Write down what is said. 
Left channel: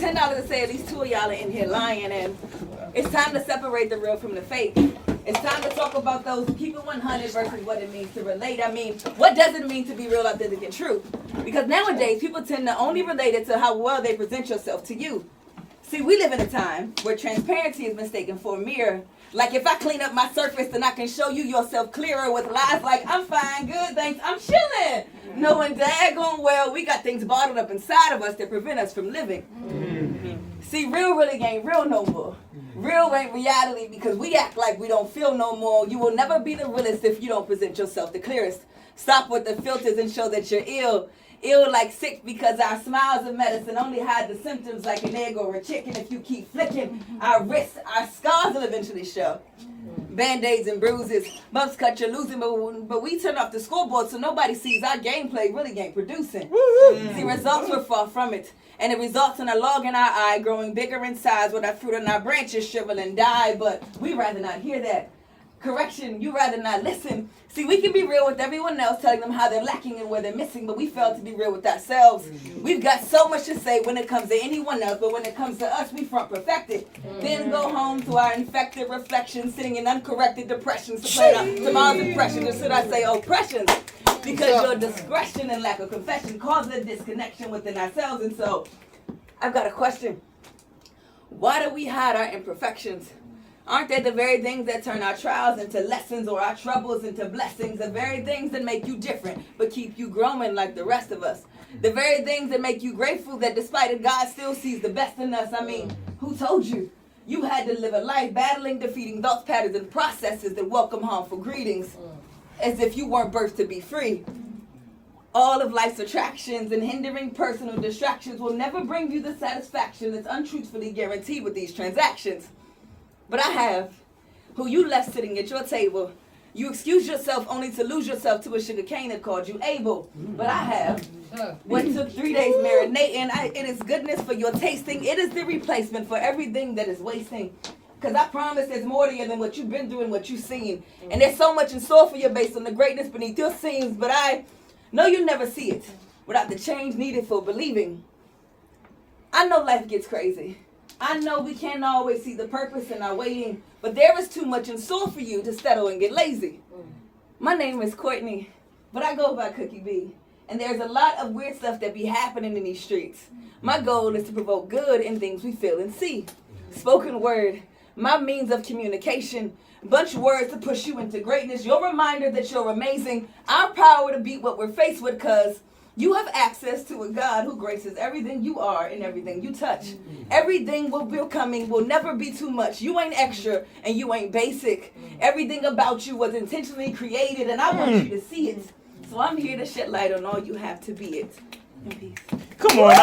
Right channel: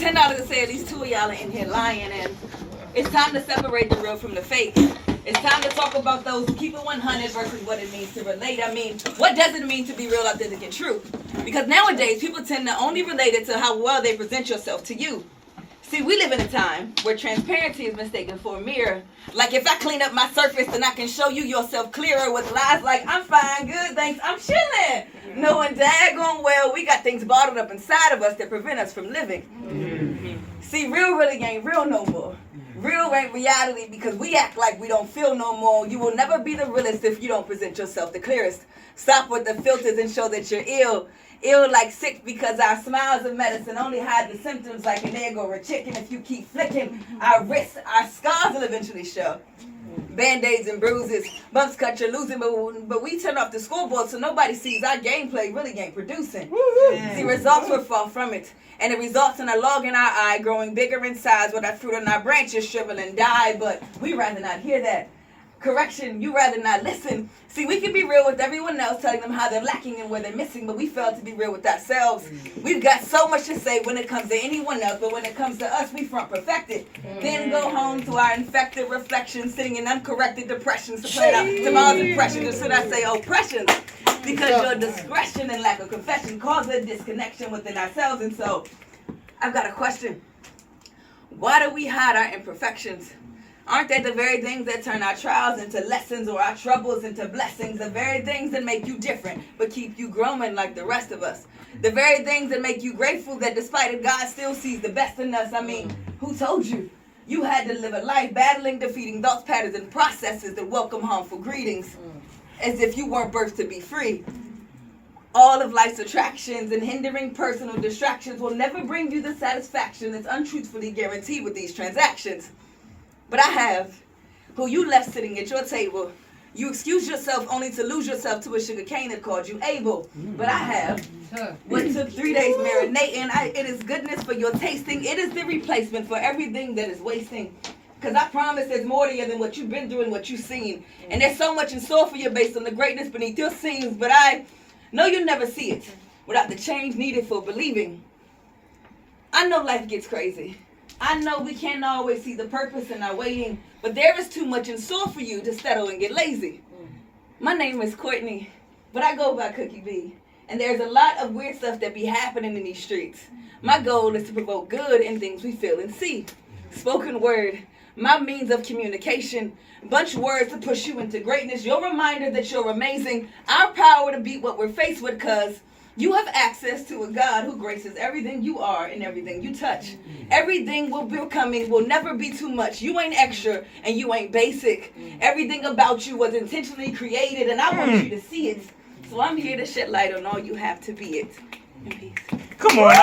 $10 to say at least two of y'all are in here lying, and it's time to separate the real from the fake. It's time to talk about those who keep it 100 versus what it means to relate. I mean, what does it mean to be real, authentic, and true? Because nowadays, people tend to only relate it to how well they present yourself to you. See, we live in a time where transparency is mistaken for a mirror. Like, if I clean up my surface, then I can show you yourself clearer with lies like, I'm fine, good, thanks, I'm chilling. Knowing daggone well we got things bottled up inside of us that prevent us from living. See, real really ain't real no more. Real ain't reality because we act like we don't feel no more. You will never be the realest if you don't present yourself the clearest. Stop with the filters and show that you're ill. Ill like sick because our smiles of medicine only hide the symptoms like an egg or a chicken. If you keep flicking our wrists, our scars will eventually show. Band-aids and bruises, bumps cut you're losing, but we turn off the scoreboard so nobody sees our gameplay really ain't producing. See, results were far from it. And it results in a log in our eye growing bigger in size with our fruit on our branches shrivel and die. But we rather not hear that. Correction, you rather not listen. See, we can be real with everyone else, telling them how they're lacking and where they're missing, but we fail to be real with ourselves. We've got so much to say when it comes to anyone else, but when it comes to us, we front perfected. Then go home to our infected reflections, sitting in uncorrected depressions to plan out tomorrow's impressions, or should I say oppressions? Because your discretion and lack of confession causes a disconnection within ourselves. And so, I've got a question. Why do we hide our imperfections? Aren't they the very things that turn our trials into lessons or our troubles into blessings? The very things that make you different but keep you growing like the rest of us. The very things that make you grateful that despite it, God still sees the best in us. I mean, who told you? You had to live a life battling, defeating thoughts, patterns, and processes that welcome harmful greetings as if you weren't birthed to be free. All of life's attractions and hindering personal distractions will never bring you the satisfaction that's untruthfully guaranteed with these transactions. But I have, who you left sitting at your table. You excused yourself only to lose yourself to a sugar cane that called you able. But I have, what took 3 days marinating, it is goodness for your tasting. It is the replacement for everything that is wasting. Because I promise there's more to you than what you've been through and what you've seen. And there's so much in store for you based on the greatness beneath your scenes. But I know you'll never see it without the change needed for believing. I know life gets crazy. I know we can't always see the purpose in our waiting, but there is too much in store for you to settle and get lazy. My name is Courtney, but I go by Cookie B, and there's a lot of weird stuff that be happening in these streets. My goal is to provoke good in things we feel and see. Spoken word, my means of communication, bunch of words to push you into greatness, your reminder that you're amazing, our power to beat what we're faced with, cause you have access to a God who graces everything you are and everything you touch. Everything will be coming will never be too much. You ain't extra and you ain't basic. Everything about you was intentionally created and I want you to see it. So I'm here to shed light on all you have to be it. In peace. Come on.